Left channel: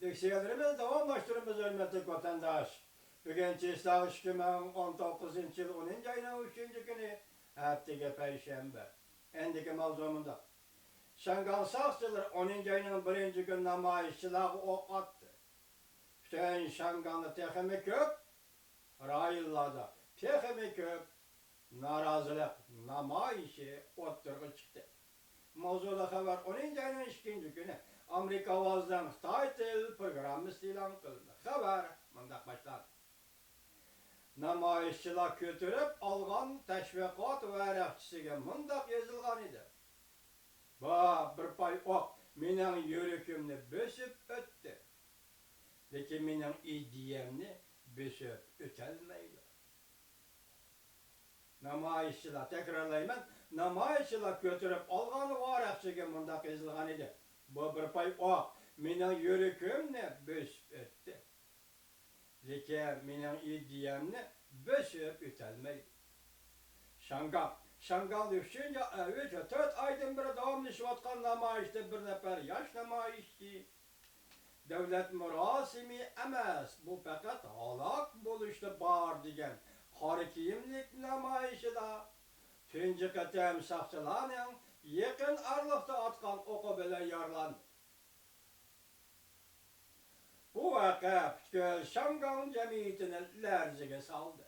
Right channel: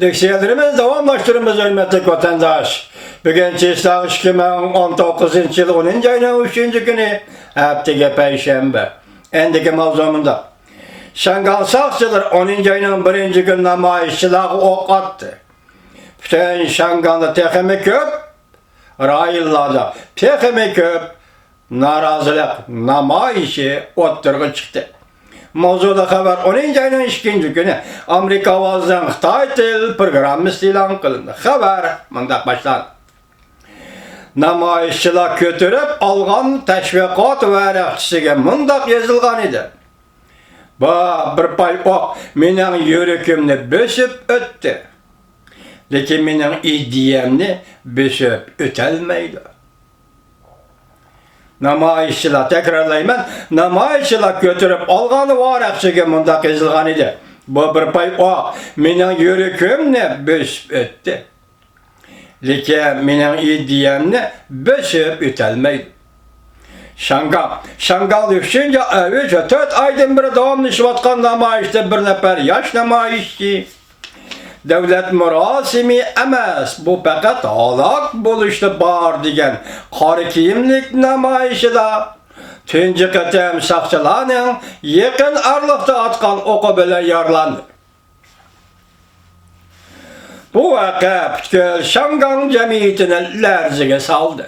Diksiyelerimiz davamlaştırımız hürmetli vatandaş. Bugün Çiğsağ 2019 yıl 10. ayının 3. günü haftaga Perşembe. Endiki mavzumunda. Şangal Sakçılar 10. ayının 1. gün namayişçilağı ok attı. Bütün Şangal'da tekemi köp, rayıllarda tekemi köp, narazılık namayişi ottırgı çıktı. Mavzuda haber 10. ayının 2. günü Amerika Avazdan Xitay Til programı ilan kılındı. Haber mındak başlandı. Namayişçiler götürüp algan teşvikat verekçisiga mındak yazılgan idi. Bir pay ok mening yürekimni bösüp öttü. Lekin mening ideyamni bösüp ötelmeydi. Namayişçiler, tekrarlayman, namayişçiler götürüp alğanı varakçıga mındaq yazılgan idi. Bir pay ok mening yürekimni bösüp öttü. Lekin mening ideyamni bösüp ötelmeydi. Şangal 3. 4 aydan beri davamlaşıvatkan namayişte bir nefer yaş namayişçi. Devlet murasimi emas, bu fakat halak buluştu bar degen qari kiyimlik namayişida. Tunji qatam saqchilarning yaqin arlıqda atqan oqi bilan yarlandı. Bu vaqa butkul Şangal jamiyatini larziga soldi.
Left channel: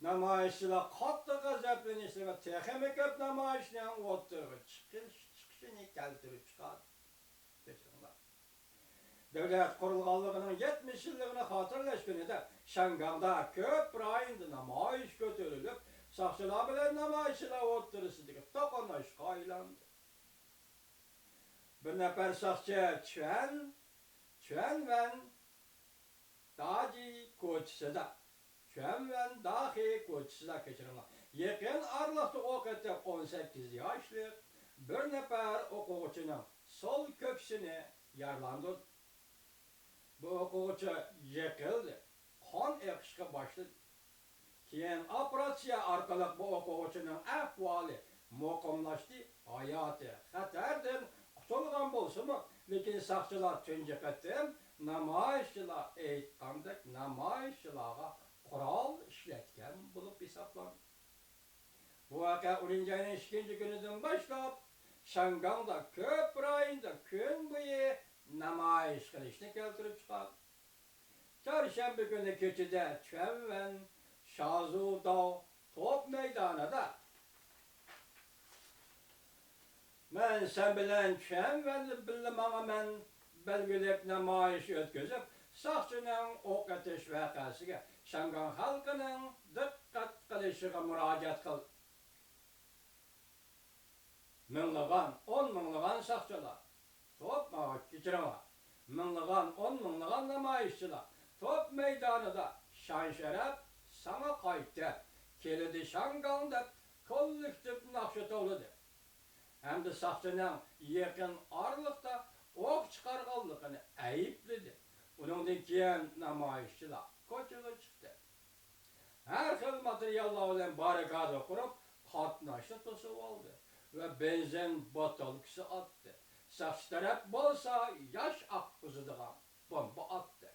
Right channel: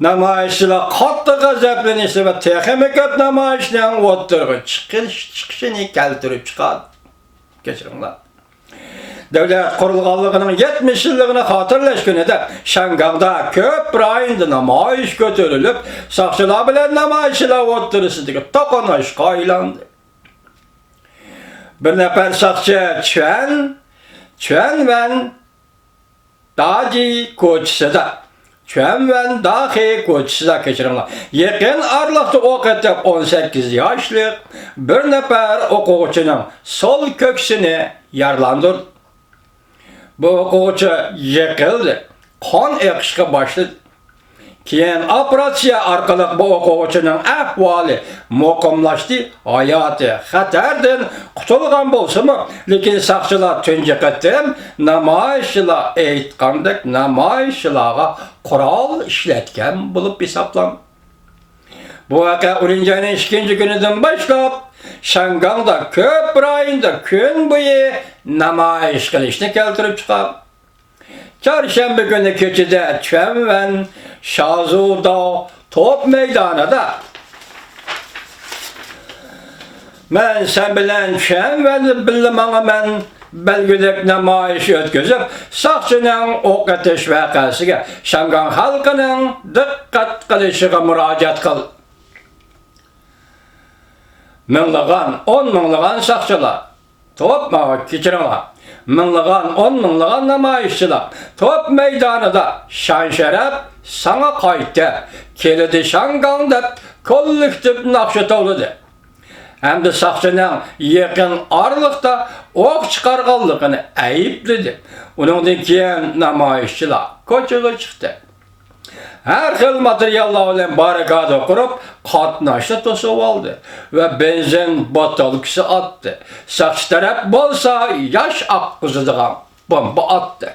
Namayişçiler qattiq g'azablanishdi va texnik namayishdan o'ttirg'i chiqishini keltirib chiqadi. Kechiringlar. Devlet kurulganlığının 70 yılını hatırlaş günüde Şangal'da köp rayında namayiş götürülüp sakçılar bilen namayişçiler o'ttirishidagi to'qnashuvga aylandi. Bir nefer sakçı Çuen ve Daji ko'chisida Çömven dahi ko'chisida kechiringlar. Yaqin arlıqda o'qitib 18 yoshli bir nefer o'quvchining sol ko'ksini yarlandirdi. Bu o'quvchi yiqildi. Qon eqishga boshladi. Keyin operatsiya orqali bu o'quvchining ahvoli muqimlashdi. Hayoti xatardan qutulgan bo'lsa-mu, lekin saqchilar tunji qatam namoyishchilar aytgandek namoyishchilarga qurol ishlatgan bo'lib hisoblanadi. Bu voqea 10. ayning 2. kunidan boshlab Şangal'da ko'p rayonda kun bo'yi namoyish qilishni keltirib chiqadi. Çarşamba günü keçide Çömven Şazuda top meydanida men sen bilen Çömvenni bilmanga men belgilek namoyish o'tkazib, saqchining o'q etish voqeasiga Şangal xalqining diqqat qilishiga murojaat qildi. Minglag'an, 10 minglag'an saqchilar top kechiringlar. Minglag'an, 10 minglag'an namoyishchilar top meydanida shan-sharaf sana qaytdi. Kelidi Şangal deb kollektiv naqsha to'ladi. Hamda saqchining yaqin arlıqda o'q chiqarganligini aybladi. Uningdan keyin namoyishchilar ko'chaga chiqdi. Her xil materiallar bilan barikada qurib, qatnashni to'sib oldi va benzin botalkasi atdi. Saqchi taraf bo'lsa, yosh oqqizadigan bomba atdi.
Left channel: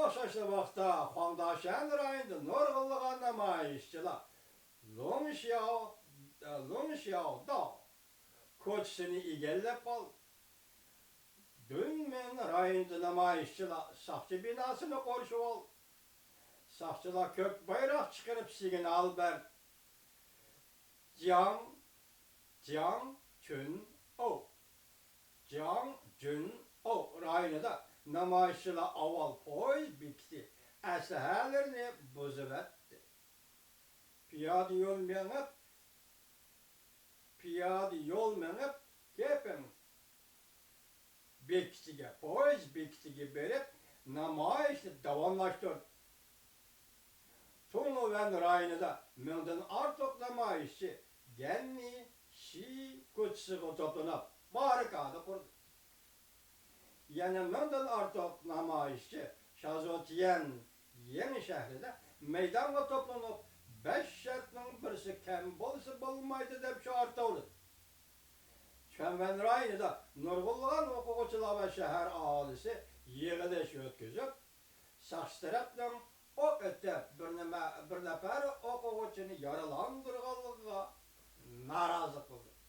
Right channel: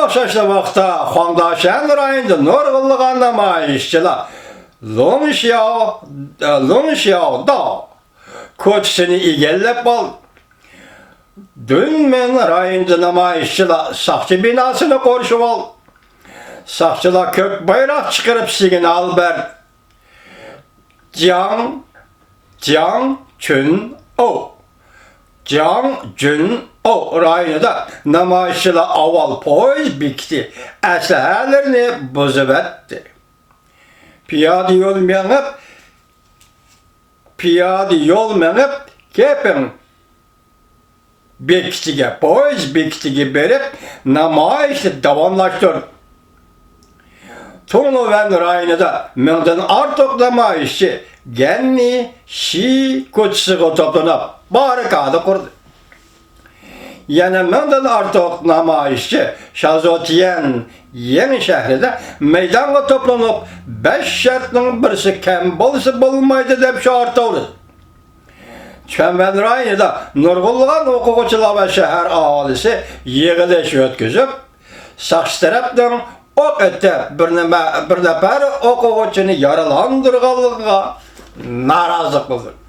O'xshashli vaqtda Xondashan rayonida nurg'unlagan namoyishchilar Longxiaoda ko'chisini egallab oldi. Dünmen rayonida namoyishchilar saqchi binosini qorishib oldi. Saqchilar ko'k bayroq chiqarib signal berdi. Jiang Jun-o rayonida namoyishchilar avval poyezd bekitdi, aslahalarini buzib etdi. Piyoda yo'l menib keping bekitiga, poyezd bekitiga berib namoyishni davomlashtirdi. Tongluvan rayonida mingdan ortiq namoyishchi Ganni Shi ko'chasiga to'planib barikada qurdi. Yana mingdan ortiq namoyishchi Shazotiyan Yangi shahrida maydonga to'planib 5 shartning birisi kam bo'lsa bo'lmaydi deb shart oldi. Şənbel rayonida nurg'ulg'an o'quvchilar va shahar aholisi yig'ilish o'tkazib, saqchi tarafdan o'q etib bir nafar o'quvchini yaralandırganligiga norozilik bildirdi.